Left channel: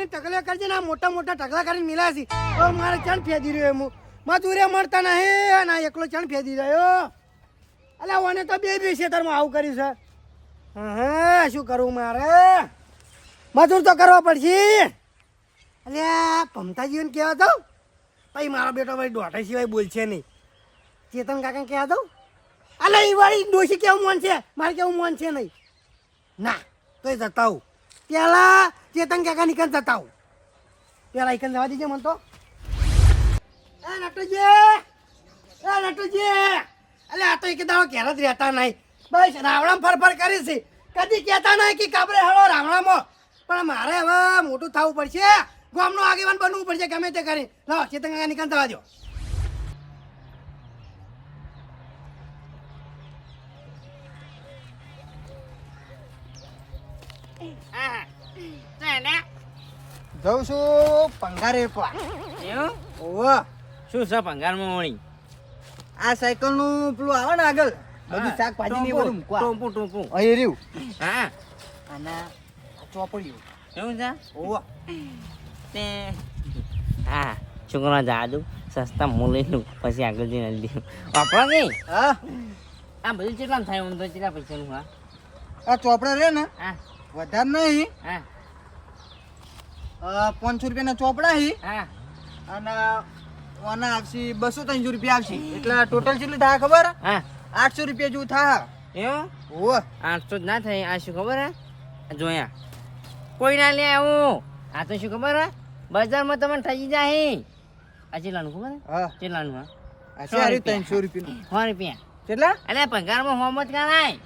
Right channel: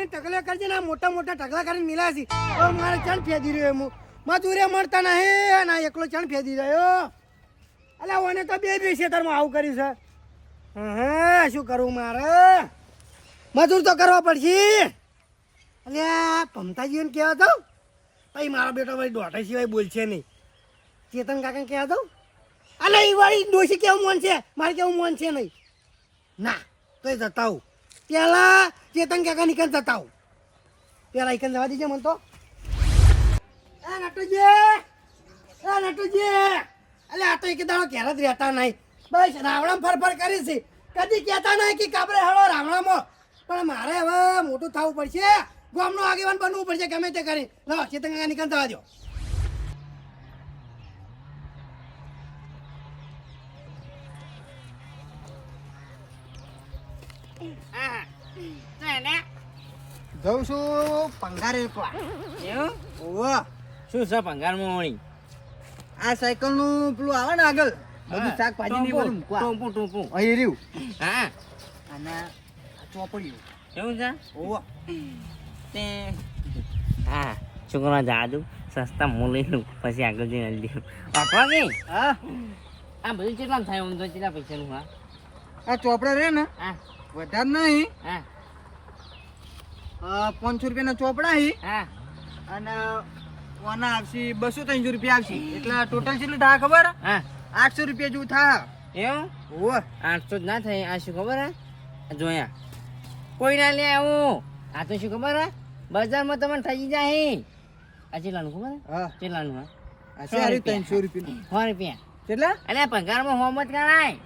કરીને ટકલા કરજે ને મોટા મોટા ટકલા કરીને મિલા છે હવે મારે ચણ ફેદી રહ્યો હું મજૂરે મળતા નહીં ના એકલો ચણ ફેદી રહ્યો અલ્યા ઓને તો બે ખેતરમાં આવું કર્યું છે હા શું કરવું મારે મજૂર તો કરવા પડશે અલ્યા પમતાજીને કહેવા દઉં પછી મારો બેટો ભાઈ દોઢા સિવાય બોલશે નહીં ચેતન કાકા કહેવા દઉં અલ્યા એ વાળી ડોશી કેવું મન છે મારે કેવું મન છે નહીં ના તો જતા આવું પેલા ચેતન કાકા નીકળ જતા આવું પેલા એકન જવા દીજે મને તો એ નટુજી અલે આ તો એક દાડો ઘેર જ રહેતા નહીં બસ રાવણામ ફરફર કરી છે કદી કહેતા નહીં કે કાબરે હળો રાવણામાં પણ મારે હવે મોટું થવું પડશે ગામનો આગેવાન બનવું પડશે ગમે તે કરી લાવો ચેતન કાકા નીકળ જવા દો જઉં છું પંગારે એકવા એવું ઓવા શું છે ભંગારમાં વળી આ સાયકલ નું પેલું આવે ને આગળ બધું શાકભાજી ની બધું મૂકવા ટોપું અહીં રહ્યું હા અને આ ચોપડ્યું એવું છે ઓવા તે હા છોકરા જાદુ સસ્તા મૂલ્યનું પછી આગળ જઈને લીધું વાપરો કે હા આ બધું કેટલા થાય આમ તો કેટલા પૈસાનું હા આ ચોપડા રે ને હા વધારે નહીં હા 500 રૂપિયાના ચોપડા હી હા અને આના આવશે 200-300 રૂપિયા આવશે એટલે ટોટલ કેટલું થાય ખબર હા 800 રૂપિયા જેવું થાય એવું ઓ 800 જ ના થાય આ શું ખબર હે જોયા કોઈ ના લે આવું આ તો શું ખબર હે બજારમાં તમને થઈ જાય આ ચેલાનું ખબર હે હા ચેલાનું હા આ સારી 300 રૂપિયા 100 રૂપિયા કેટલા અલ્યા પગારમાં હોમત ગણાય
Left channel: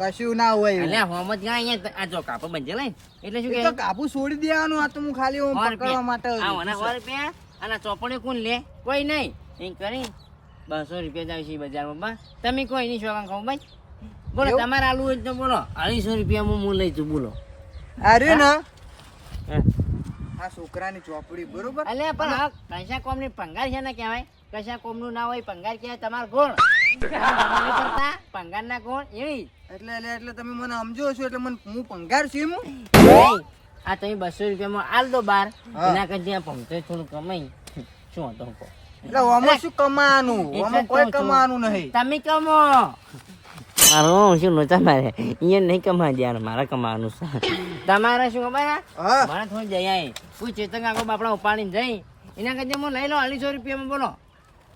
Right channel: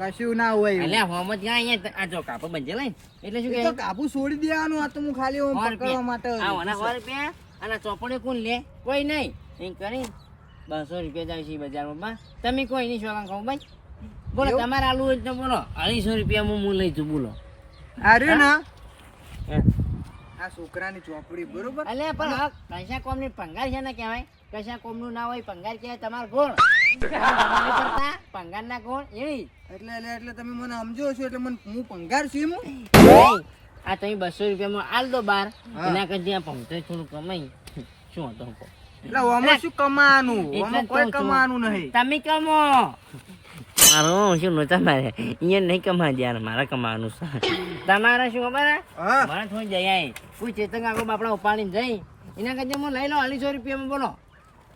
કશું ના હોય અલ્યા હોમત ગણાય અહીંયા આ જો કાપો બંજે લઈ એટલે શું એ કે તો કાપુ છોડી દેવાનું આ તો હું ખાલી હું પકડવા માટે આ 100 રૂપિયા અને ચોપડે કોણ લે કોઈ નહીં એમ કરી 200 રૂપિયા જાય છે બજારમાં બા તમે કોઈ નહીં શોખા ખાવ ભાઈ બોલો તમારે આલુ હોય તો બોલો 250 રૂપિયા હું લઈ જઉં બોલો આ રહ્યું ને હે. આ છોકરાની ચોપડી બરોબર અલ્યા પણ આ કશા કોમની પંગાર છે ને કહેવાય કશા કોમનું ના હોય પંગાર કહેવાય તમાર કોણ પંગાર ના કોણ એવી એટલે તમે મને સમજો છો એટલે મને હું પંગાર છું હું આ તમે 200 રૂપિયામાં આલ દો બાર એના કરતા ત્યાં પંચો થોડું કમાઈ શું હતો કહો એટલે આમાં શું કમાવાનું આમાં કોઈ કમાવાનું નહીં તમે કમો મારો શું લોચા મારે અહીંયા નહીં કમા યાર મારે કમાવાનું છે તમારે શું ખબર હે હા મારે થોડી જઈ આય કોઈ ચેતન આગો બાપડા ઉપાડીને જઈ એના કરતા હું લઈ લો 250 રૂપિયામાં બોલો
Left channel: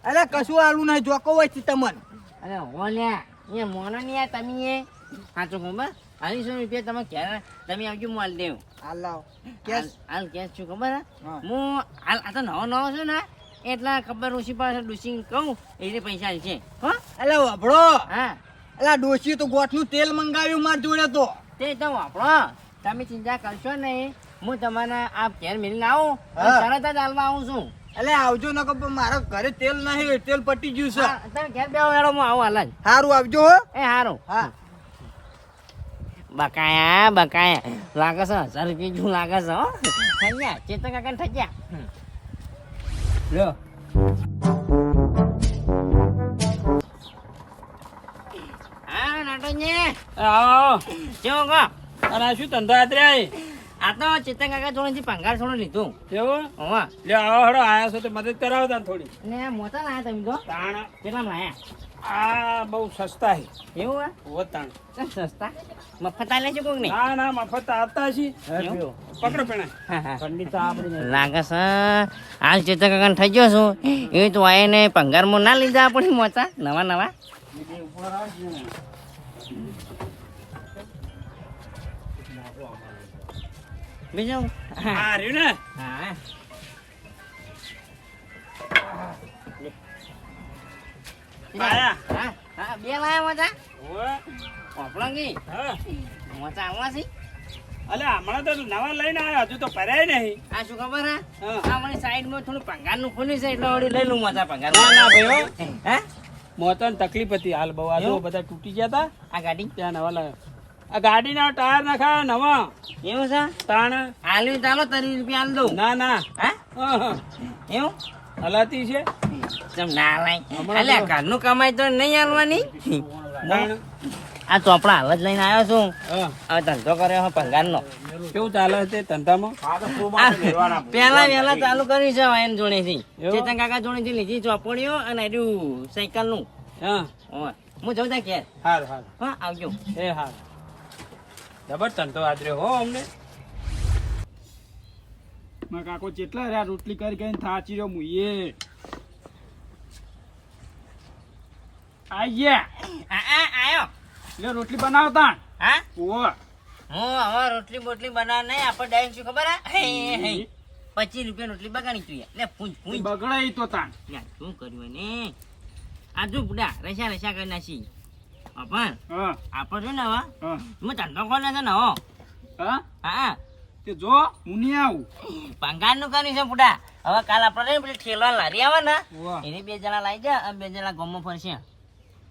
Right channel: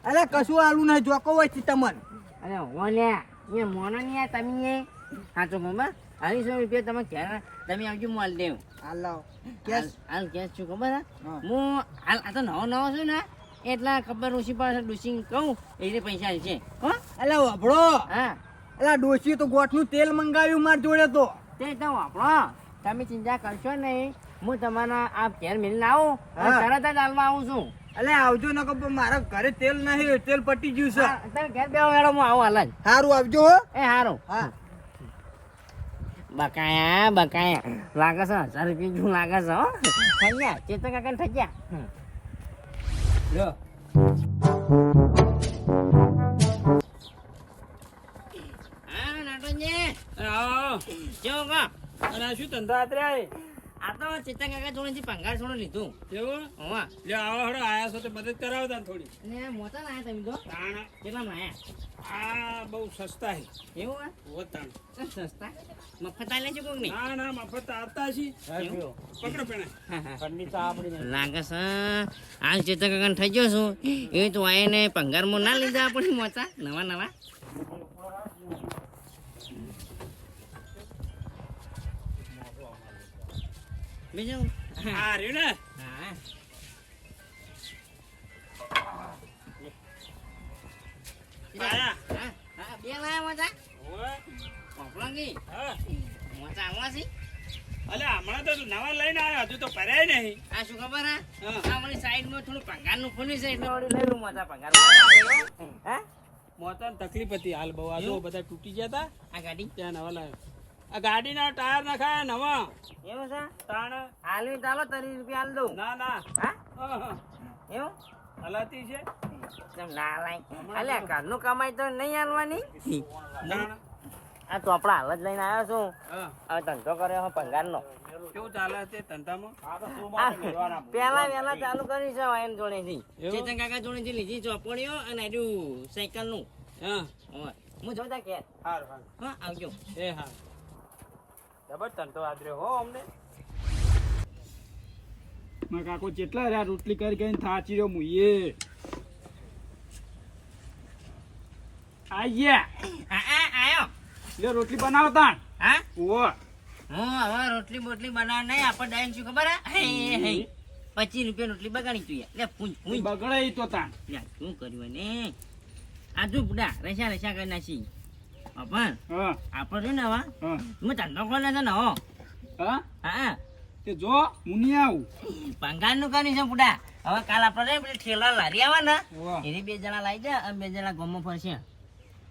અરે કશું આલું નહીં જોકો હોય છે તમને અરે ઓલ્યા એ મોનો નહીં આ તમે એ સાચો ખબર 250 રૂપિયા તમે ક્યારે તમે આવજો હું હાલ દેવું હાલ કેસ હાલ કેસ શું ખબર હે હા. હું હાલ આ તો નવો છું ને એટલા ખબર ઓછી પાસે ડુસી કહું એટલે પૈસા છે હો અલે વાપડો હા અલા ડોશી તો ગોઠનું તેલ મંગાવ્યું માર જોડે તો તે તો વાપરો તમે ચિંતા કરશો નહીં હું તમારા આ ઘેર મિલને આવું અને હા. તરત જ હાલમાં આવું છું અલે આવજો ન કે મારા ઘરે તેલ નહીં તેલ પટી ગયું છે હા, તમે ઘેર બેહો હેડો હું આવું હાલ જ સારું આવજો હો એ હારું હા બકાયા લાગે છે 1000 રૂપિયા જેવું લાગે છે હો થઈ ગયા ચેતન કાકા થઈ ગયા લ્યો હા નાટોજી આવો કેવો કો અને આ શું ધંધો આતર્યા આ તો ચેતન કાકા થોડી પંગાર થોડું લીધું એવું હોવા લે આવો હડો આયા છો તો મદદ કરાવો તાન થોડી ને મોટા લાયા તમે તો તાણ કેટલા લાયા આ બહુ સસ્તા છે એવું હે ઓ તાણ કેમ સસ્તા મફત આલે છે કોક નહીં ના ના મફત આવતા છે એવું? પકડો પેણા હા, હા. ઠંડી તો આપણી લાગે છે હાલ ચેતન કાકા થઈ ગયો છું એ તો આઈને પંગારમાં ના લીધા આપણે મોટા નવા બીજું આ રહ્યું ને હા આયા હા હા બે લાયા મોટા ઓય ઓપલા ગઈ હા મોટા આવવા છે અલે હમણાં તો નવા લઈને આવ્યો હજુ તો ભરાય નહીં આ શું ખબર હે હા. આ મારી સાઈડમાં થોડું પંગારનું ખુલ્યું છે એટલે વળી લઈ લઉં મોટા પંગાર ના ના ભાઈ હે મોતન તકલીફ હતી હાલ બહુ આ જો એવું? બધા તૂટી ગયા હતા આ ગાડી ત્યાં નવા લાવ્યો આ ગાડીના ટાયર નાખાયા નવા એવું છે તાણ આલવી ચાલો 30 રૂપિયા આલ દઉં ના ના હે હા એવું હલાતી છે ચમ ના લાય હમણાં અલ્યા તો- ઘરનું કમાય તો નહીં આલવાની તાણ આ ચોપડા હાલ જ લઈને આવ્યો છું હા. હવે ધંધો કર્યો હો પંગારનો કેવું ચાલે છે ધંધામાં? પેલા વેલા ચાલુ કર્યું છે એમ જોડેથી એવું? ચેતન કાકા જોડેથી લીધી ચોપડીઓ અને એનું સાયકલનું હા. હોય હું જઉં ત્યાં ઘેર હાર હાર. હા આવજો એ હાર. જબર ધંધો આદર્યો હો અમને. મારા કાકો જેટલા રહ્યા રોટલી કરી કરીને થાચી રહ્યો મુઈએ આયા આયો લે રોટલી બનાવતા હા ઓવો હું હવે રોટલી બોટલી બનાવ નહીં આપણે ડાયન શું ખબર હે 25 રૂપિયા રોટલી બગાડી તું લે પૂંજ પૂંજ બગડાઈ તો તાણ યાર શું કર્યું ને આ જો બુડા રસા રસા કરી નાખી પણ હા આપણે છે ને હવે હા હું ધંધો ખોલે છે ને હો હા હા તે જો હું નહીં આવું પંગાર નું કર્યું છે બુડા હવે કાલ આપણે પેલી ઠેલા લારી આવે ને વાહ. એની 2 જણા લાવી જા અને 2 જણા ગામમાં ફરશે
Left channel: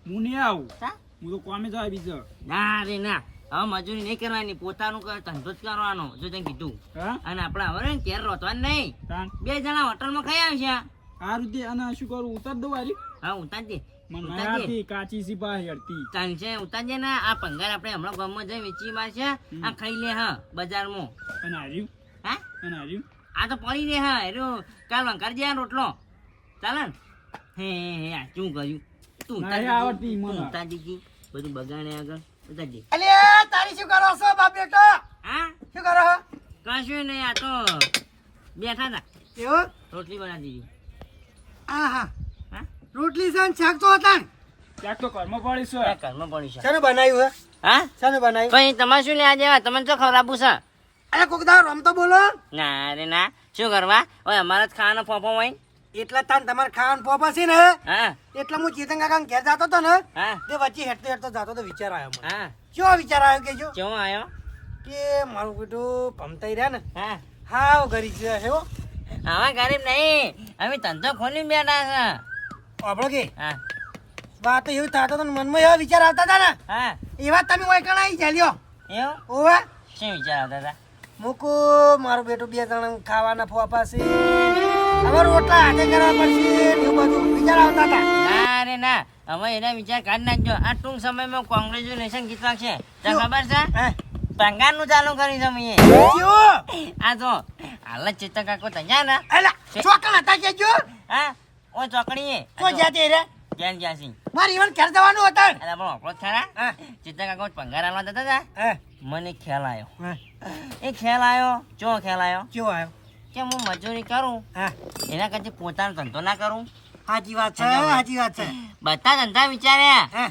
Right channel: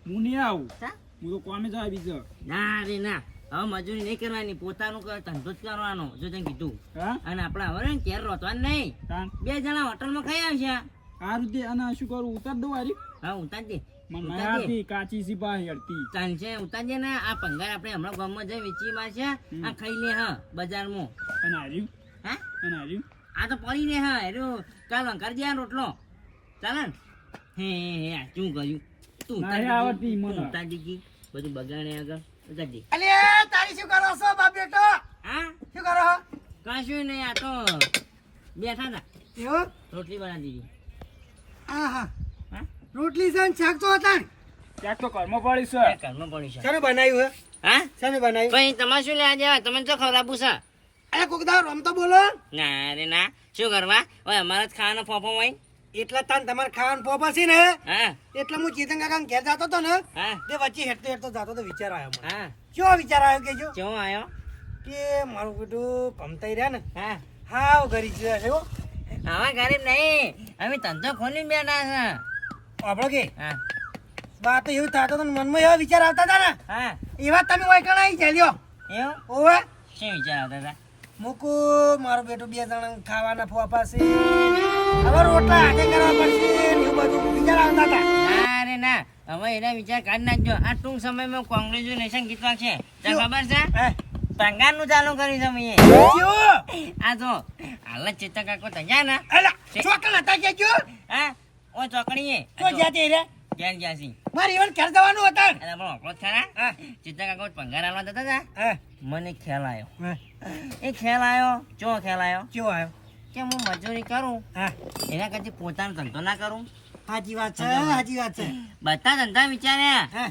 હું નહીં આવું હા? હું તો કોમે જાય બીજો ના રે ના હવે મજૂરી નહીં કરવાની પોતાનું ધંધો જ કરવાનો જો તને કીધું હા અને આપણે હવે ને ઘેર રોતવાનું નહીં તાણ 2 જણા હોટલમાં ખાઈ આવશે આ રીતે અને શું કરું ઉતાર દઉં આરી હા ઉતારજે મને ઉતારજે. માયાથી કાચી સિપાહી હડતી ચાલશે ઉતારજે ને આ પંગાર આપણે હમણાં ગામમાં જઈ વેચી મારશે આ ખાઈ લે હા બજારમાં અને હાર્યું હા અને હાર્યું આ તો પડી ને હા એનું કાલ વંકાર આ રોટલો ચાલે ને હે આ શું કર્યું તું ના, એ આવડતી મને. ઉતારી ગઈ બધું બગાડે આગળ ઉતારજે અલે તારી શું કરો છો બાપ બેટો હા શું કરો છો કશું નહીં આ તો બેઠા હતા એવું રોટલી બનાવી દીધી હા હા હા રોટલી છે ને શાક તો હતા ને ક્યાંક તો ઘરમાં પડી છે એ ઘરમાં પડી છે શાનું બનાવ્યું હે હા શાનું બનાવ્યું કઈ તમારે શું લેવા દેવા તમને શું ખવડાવવું છે અરે કોક દાવ રમતો બોલો ના રે ના શું કરવા હવે અમારે જ ખાવાનો ફોફો હોય એટલા તાન તમારે ખાવાનું પોપા છે ને હા એટલે હું ચેતન કાકા ઘેર જતો હતો ને હા તે વચ્ચે હેઠતો હેઠતો જતો તો વિચાર આવ્યો મને હા કેવો વિચાર આવ્યો કે જો કેવો આવ્યો કે મારું બેટું ભમતાઈ રહ્યા ને હા હાવ ગરીબ છે એવો આવા ગરીબ નહીં અમે ધંધો ખોલી બેઠા છે આપણો કે હા વાત તો એવું થતો હતો ને મનમાં એવા વિચાર આવતા હતા ને હા એવા તમે ઓયકણ આવી ચાલ્યો એવું ઓવા શું વિચાર આવતા હતા મૂકુ મારું બેટું 2 જણા ખાવાના ફોફા છે હવે રોટલા હાથે કરવા પડશે ને એવું બધું વિચાર આવતા હતા ના રે ના હવે એના વિચાર કાઢી નાખજો આ ટૂંક સમયમાં કોંગ્રેચ્યુલેશન ગીત છે તને ખબર છે હે પંગારનું ચાલુ કર્યું છે મેં કેવું આ જો હાલ જ ચેતન કાકો તૈયાર ને અલા ચોકણ હતા કે જો હા ઓ ચોકડીએ તો જાતે રે ક્યાં ગયા છે મારે ઈવન ઘેર જવાનું હતા અરે આપણો આપણો જ ખરા હા ચેતન કાકો પંગાર આલવા જતા હતા હે મને ખ્યાલ આવ્યો હે એ ખ્યાલ આવ્યો ચો ખ્યાલ આવ્યો કેવો આવ્યો કે હું મજૂરી કરું હા એના કરતી પોતાનો ધંધો ના કરું સાચી વાત છે સાચી વાત છે બધા ધંધા વિચાર્યા હે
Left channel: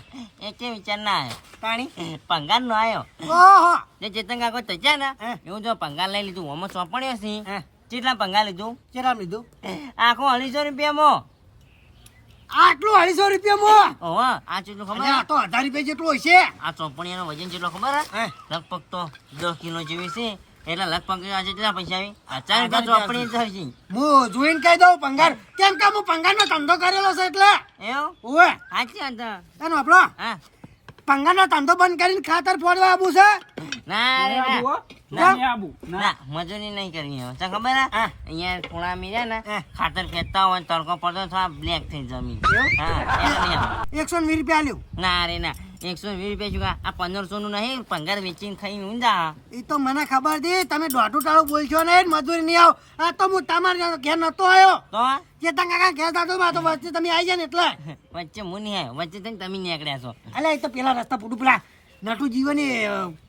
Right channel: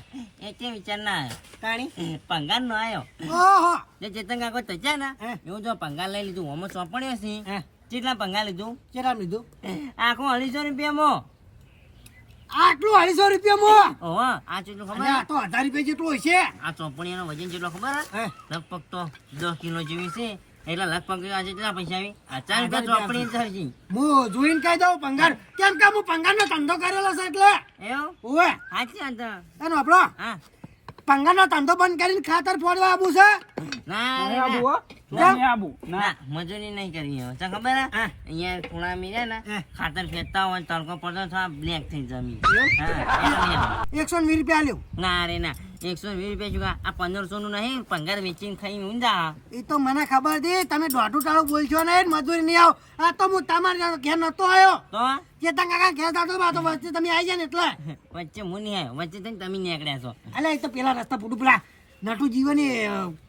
એક વિચાર ના આવ્યો તાણી પંગાર નો આવ્યો ઓહો જે ચેતન કાકો તચ્યા ને હે. એવું જો પંગાર લઈ લીધું આમાં સોંપણ્યો છે હે કેટલા પંગાર લીધું ચેરામ લીધું આખો 250 રૂપિયામાં આટલું 250 રૂપિયામાં ઓહો આ કેટલું ખબર અને આ તો 1000 રૂપિયા જેટલું હશે આ ચોપડીયાનો વજન કેટલો ખબર હે? હે લગભગ તો 10 કિલો જેવી છે એટલે લગભગ આજે કેટલા પૈસા આવી 1000 રૂપિયા ચોપડી ધરજી હું જોઈને કહી દઉં પંગાર કેમ કે હું પંગારનો ધંધો કરેલો છે એટલે એવું ઓવે સાચી વાત છે. એનો આપણો હા પંગારનો ધંધો બંધ કરીને ખાતર ફોડવા આવું છે ના રે નહીં આબુ ના. હો નહીં આબુ ના ના મજૂરી નહીં કરવી હવે તને ખબર હે હા. અહીંયા ખૂણા મી ને હા. ખાતર ફેંકતા હોય તડકો પડતો થોડા બ્લેક થઈ જમી એવું? હા 120 રૂપિયા આલ્યું ના રે ના 120 રૂપિયા શું આ 1500 નું નહીં પંગાર વેચીને ખાઈ ઊંધા એ તો મને ખબર હતી તમે દોઢું ટાળું બોલશો ને મજૂરી નહીં આવ આ તો હું તમારા ઘેર નતો આવ્યો તો ચેતન કાકા ઘેર જતો હતો, તો વચ્ચે તમે આવી જાય ને એટલે વચ્ચે હું નહીં આવ્યો વચ્ચે થઈને તમે નીકળ્યા છો અલે એ તો પેલા રસ્તા પૂટું પેલા નટુ જીવન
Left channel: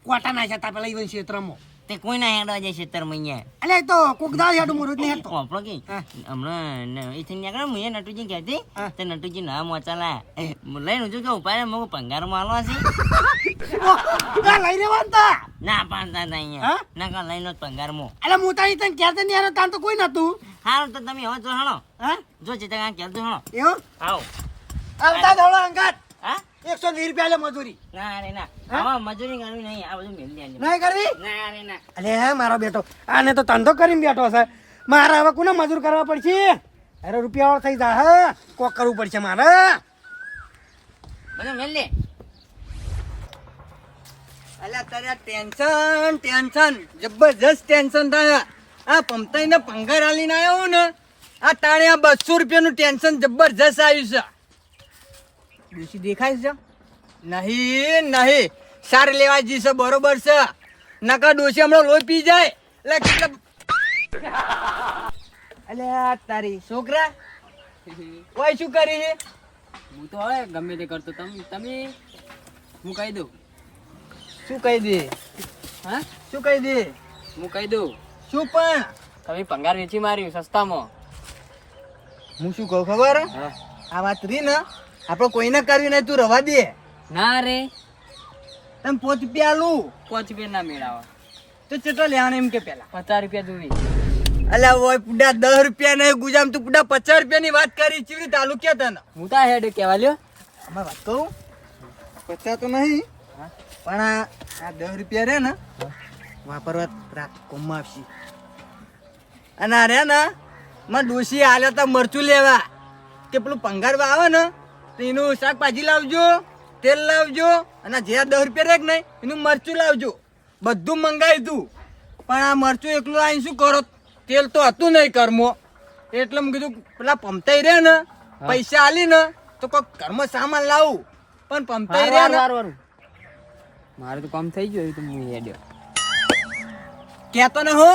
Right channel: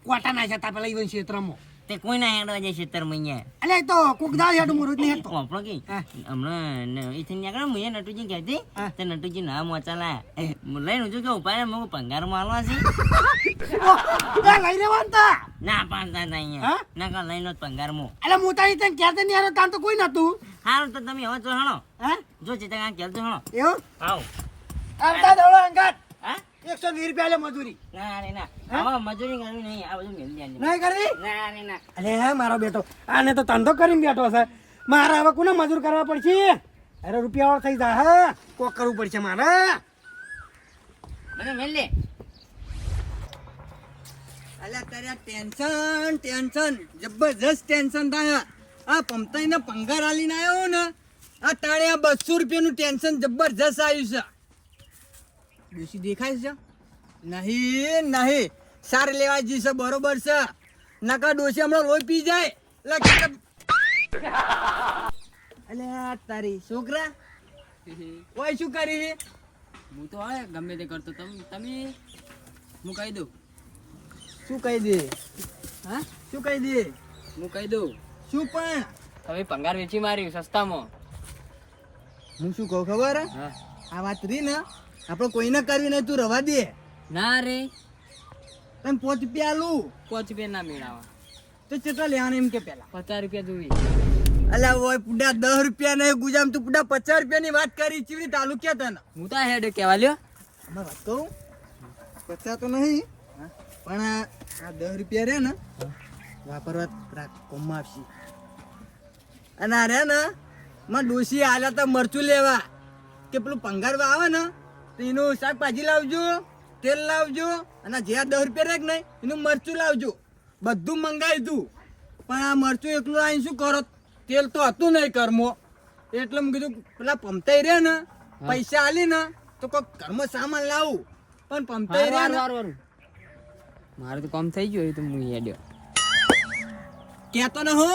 કોટા નાખ્યા તા પેલા ઈવન ક્ષેત્રમાં તે કોઈ ના હેડવા જાય ખેતરમાં અહીંયા અલે એ તો કોક દાળ હેઠું મોરું જ નહીં હેઠતો આપણો કે હા. હમણાં એથી નીકળે હું એ નટુજી કહેતી હા. તે નટુજી ના મોચાલા લઈને હું કે ઉપાય મગું પંગારમાં હાલવા છે લઈ રહેવાનું તા ના પાડતા હતા અહીંયા હા? ના કા લઈને જ પંગારમાં અલે હું તારી તને ક્યારે નહીં આવ્યો તાન તો કોઈ નતું હારું તો તમે હવે જો હણો હા જો ચેતા ક્યાં તો હણો એવું આવો આવતા દોડો અંગાત હા 120 રૂપિયા લે મજૂરી ના રે ના હા? હવે મજૂરી કરવી નહીં આ બધું મેળ દે નહીં કરવી ના રે ના અલે હે મારો બેટો આને તો ધંધો કરીને બેઠો છે મારે હવે કોને મજૂર કરવા પડશે અરે રૂપિયા થઈ જા હે કોક કરવું પડશે મારે બધું મેળ લે અલ્યા તારે ટેન્શન જબરજસ્ત ટેન્શન થાય આ પમતાઈને પંગાર આલીને આવ્યો ને આ તાણે આ 200 રૂપિયાનું ટેન્શન જબરજસ્ત આવ્યું છે ડોશી દેખાય છે નહીં નહીં સાર લેવા જઈશે બરોબર છે નકા ડોશી હમણાં લોહી પી જાય અલ્યા તારી છોકરા ઓય શું કરી હું તો હવે ગમે તે કરતો તમે હું કહી દઉં શું કહી દે હા શું કહી દે હું કહી દઉં શું પણ તમે ભંગાર વેચી માર્યું સસ્તામાં. હું શું કહું ખબર હા આ વાત રહી ને આપણે કોઈને કરવી નહીં તું રવા દે ના રે તમે 5 રૂપિયા આલું 5 રૂપિયા ના મેળાવા તો કેટલો લેવાનો એમ કે પેલા 50 રૂપિયા જોવી. અલ્યા ઓય પુડા 10 રૂપિયા નહીં ગુજામ તું પુડા 50 રૂપિયાની વાત કરી ચીવી તાલુ કે તને હું તો હેડ કહેવા લ્યો. આમાં વાત કહું 50 તો નહીં પણ આ 10 રૂપિયા રે ને વાપરવા રાત કોમમાં આપશી અને આ રે ને માં ડોશી આલ્યા તા મરચું લેવા કે પેલું પંગારવા આવે ને તો એનું શાકભાજી લાવજો તેલ લાવજો અને જે 10 રૂપિયા રે કે નહીં એનું મરચું લાવજો બધું મંગાવી તું પણ આ મરચું એકલું આવીને શું કરો તેલ તો હતું નહીં કર્મો એટલે મેં કીધું પેલા પમતાઈ રે ને પૈસા આલી ને તો કોઈ ઘરમાં સામાન લાવું પણ પમતાઈ રે ને વારું મારે તો કામ થઈ ગયું તો હું હેડ કેતો ને હો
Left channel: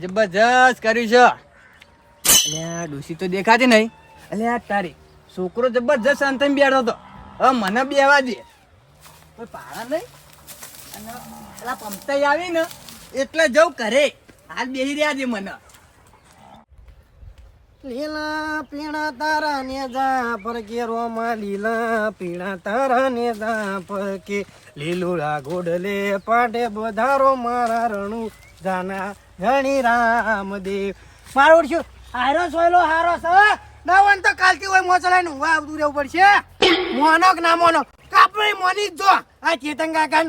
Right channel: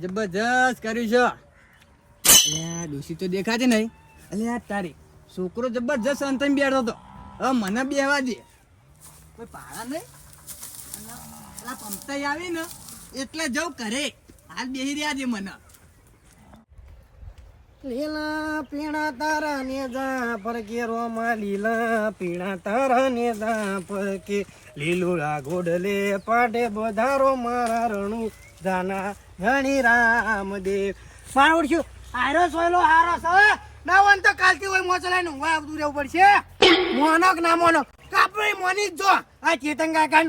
જબરજસ્ત કર્યું છે અલ્યા ડોશી તો દેખાતી નહીં અલ્યા તારી છોકરો જબરજસ્ત અંતમ બેઠો હતો હવે મને બેવા દે કોઈ પાડા નહીં અને પેલા પમતાઈ આવી ને એટલે જવું કરે હાલ બેહી રહ્યા છે મને લીલા પીણા તારા ને જા પરકે રોમા લીલા પીણા તારા ને જા પરકે લીલુડા ગોડલે પાટે બધારો મારા રણુ જાના ઘણી રામદેવ મારો ઓળખ્યું હારો સોયલો હારો સ ના વન તો કાલથી હોય મોચલાઈ નું વા આવતું રહેવું પડશે મોનો કે ના મોનો કાપડી મોની જ જો આ ચેતન કાકા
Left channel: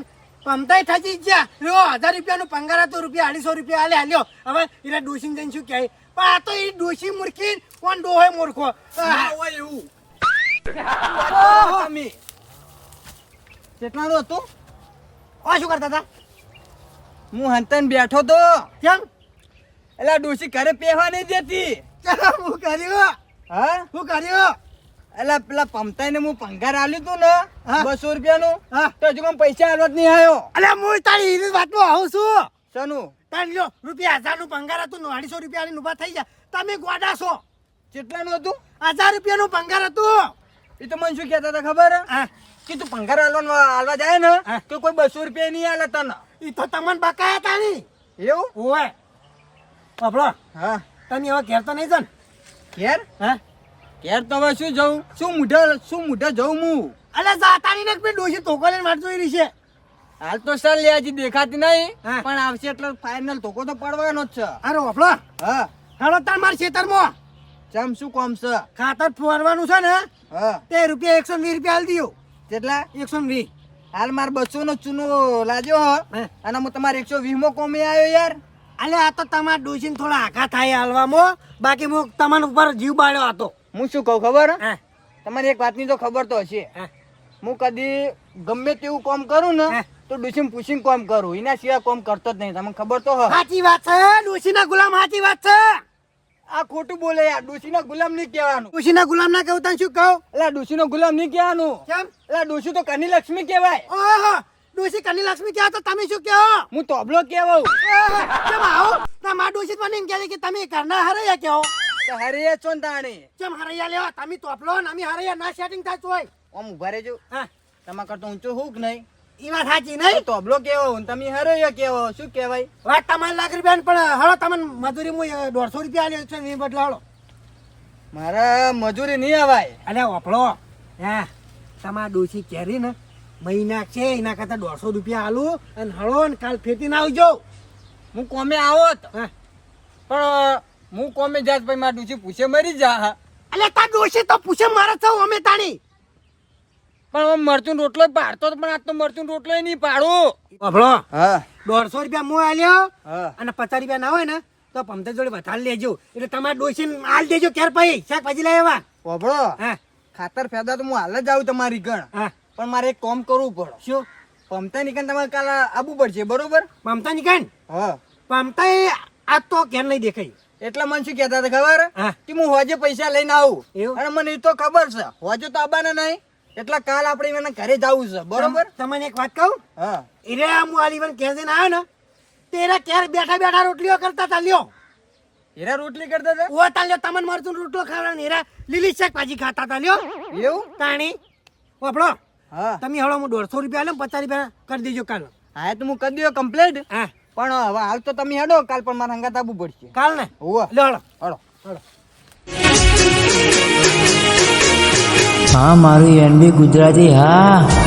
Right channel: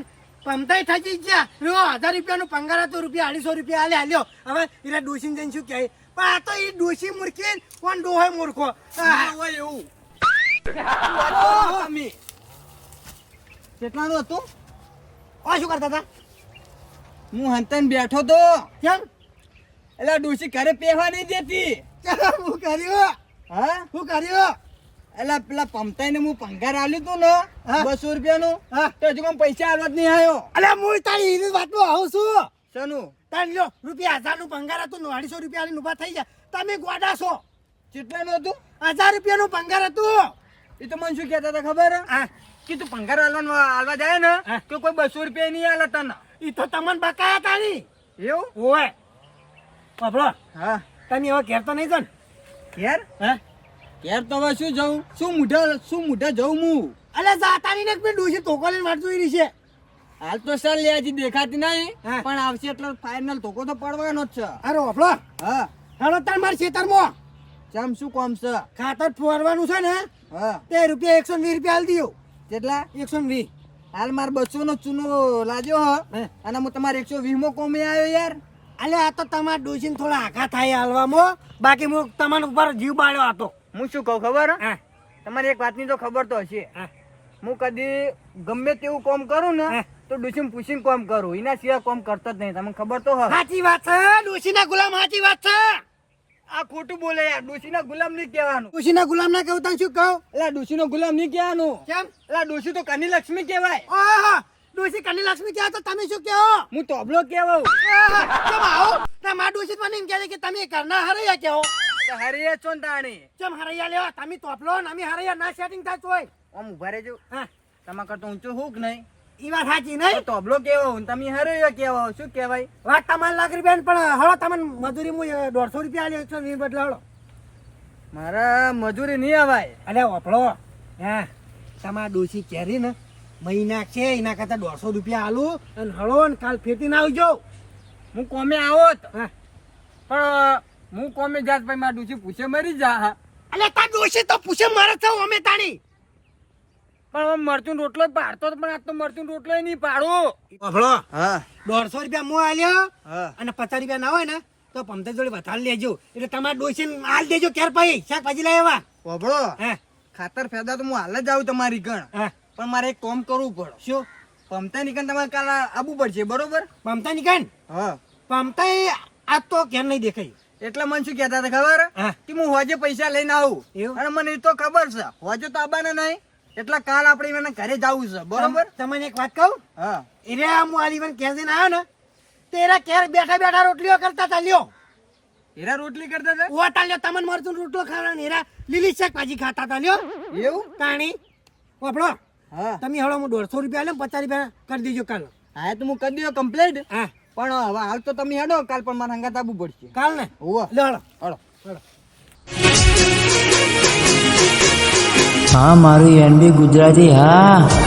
પમતાઈ થતી જ જા લો 1000 રૂપિયાનું પંગાર હતું રૂપિયા 250 રૂપિયા આલે હાલ્યો હવે એને ડોસીને જઈને શું કહે પણ આ તો એ ડોસી મૂર્ખી કોણ ડોહોય મૂર્ખો ના હોય એવું તમે કેટલાનું હતું આ શું કરતા હતા હું હંતન બેઠો તો કેમ એટલે ડોશી ઘરે પહેવા નહીં દેતી હું કર્યું હા હું કર્યું એટલે પેલા પમતાઈને હું પંગાર આલ્યું તું ને હા. 200 રૂપિયાનું હા. તો હજુ કોઈ પૈસા આલવા જ નહીં આવ્યો અલ્યા હું તારી એની વાતમાં આવું છું શેનું તારી લો રૂપિયા 1000 નું પંગાર હતું 250 રૂપિયા આલીને ઊભા થઈ ગયા તમે ગોડા છો કેટલાનું હતું 1000 રૂપિયાનું પંગાર હતું એ તો મને શું કહેતા હતા ખબર હા કે તું પંગાર આલવા જાય ને હા. તો કોઈ 200 રૂપિયા નહીં આલે તને એ તો તમને બકાયા હતા ની એવું ઓવે બાપડો હા તમે હવે ઘેર તો નહીં જો ને ઘેર હા ઘેર તો હવે શું જવું શું મુઢા જવું હું અલ્યા જાતાની ને પેલી ડોસી ધોકો લઈને વાટ જોઈ રહી છે હાલ તો સર લે હજી દેખાતી નહીં હા. પણ આવશે એટલે ફાઇનલ ધોકો તો પડવાનો જ છે અરે બાપડો હા હાલો તાર માર ખેતરમાં ચમ શું કોમ છે ખાતર ફોરવાનું છે ને હા તે રૂપિયા 120 રૂપિયા આલી દીયો કેટલા 120 હાલ માર 200 નો ચૂનો લાગ્યો હ હે. અને હું તમારે 120 માં કોમે આવ્યો યાર અલે આ તો તમારા ડોસીને થોડા આઘા થાય હાલવામાં બાકી હું તમારા ઉપર જીવ બાળ્યો હતો હું શું કહું ખબર હા તમારી એક વાતની તો ખબર તો હશે હા હું કદી ગમે તેવું કામ કરું ને હે. તો ડોશીને પૂછીને કામ કરું એના સિવાય કામ કરતો જ નહીં તમને ખબર તો હ સાચી વાત છે ડોસીના ગુલામ સાચી વાત છે આ ખોટું બોલે યાર ડોશીના ગુલામ નહીં કહેવાનું ડોસીના ગુલામ ના કહું તને શું કહું એટલે ડોશીનો ગુલામ નહીં કહેવાનું કેમ એટલે ડોશી તો કની લક્ષ્મી કહેવાય ઓહો ડોસી કની લક્ષ્મી કહો તો તમે શું કહો હું તોબલો કહેવાઉં ઓહો, કેમ આવો ના મા ડોસી મને એમ કહે કે તમે ઘરના હરૈયા કહો તો હરિયે છો ને તાણે કેમ હરૈયા લેવા તમે તોપલો ને અમે હરૈયા ના સેટિંગ થાય તોય આમ ઉભા રહેજો હા તમારા કરતા ઊંચો હું કે નહીં એ વાત સાચી તો નહીં તોબલો કહેવાઉં ને તમે હરિયો કહેવાઓ શું કહેવાય વાત તમારે લાખ રૂપિયા પણ હળો તમને મજૂરી હું 150 રૂપિયા આલ્યો 120 બદલા હળો મારા મજૂરી નહીં આવાય અલે વાપડો હા તમારા ડોસી કેરી ને મહિના છે એના કરતા 150 રૂપિયા આલું અને હળો ને કાલ ફેટી ના આવજો હું કોમે આવત હા પણ હું કોમે જાત ભાઈ મારા ડૂસી પૂછે મરી જા અલે તાર ડોસી તો પૂછે મારે થવું અમે તાણી પણ હું મરચું રોટલો જ પાડતો હતો, પણ આજ તો મરચું રોટલો નહીં પાડું. વાપડો હા 150 રૂપિયા મો આલ્યો હા અને 50 રૂપિયા ના હોય ને તો પમતે જોડે વધારે લેજો એટલે તમારે ડોસીને આલ દેજો ક્યાર પછી શાકભાજી લાવ્યા બાબડો હા ખાતર ફેદા તો હું હાલ જ આવું તમારી ગણ, હા પણ મારે એક કામ કરવું પડે. શું પમતા નીકળ તમારે કાલ આવવું પડશે બરોબર? પમતા નીકળ હા પમતા આ તો કેમ નહીં દેખાય એટલે મને શું કહેતા હતા ખબર હા કે હું હોજે પૈસા લઈને આવું, એવું? અને મને એ તો ખબર છે હોજે તો આવવાના નહીં, એટલે કાલ આપણે એને ઘરે જવું છે બરોબર. તમને એક વાત કહું, હા એરે હું આલીવન કેસીને આવ્યો ને તેરા ક્યારે બેઠા બેઠા રોટલીઓ કરતા તા લ્યો. હીરા રોટલી કરતા હતા ઓ તા લ્યો તમને મરચું રોટલો ખાવડાને એરા લીલી શાકભાજી ખાતા તા લ્યો. એવું. તાણી વાપડો હા તમે હળો હું 150 રૂપિયા લે 50 રૂપિયા કરી દેજો કાલ. હા તો હું કરી દઉં કમ્પ્લીટ. હા પણ હવે હાલ તો તમે હેડો, કાલ પણ મારે હંગાત આવવું પડશે. કાલ ને હોવે લ્યો હળો. હળો. હા મારું એનબી ગુજરાતી હા.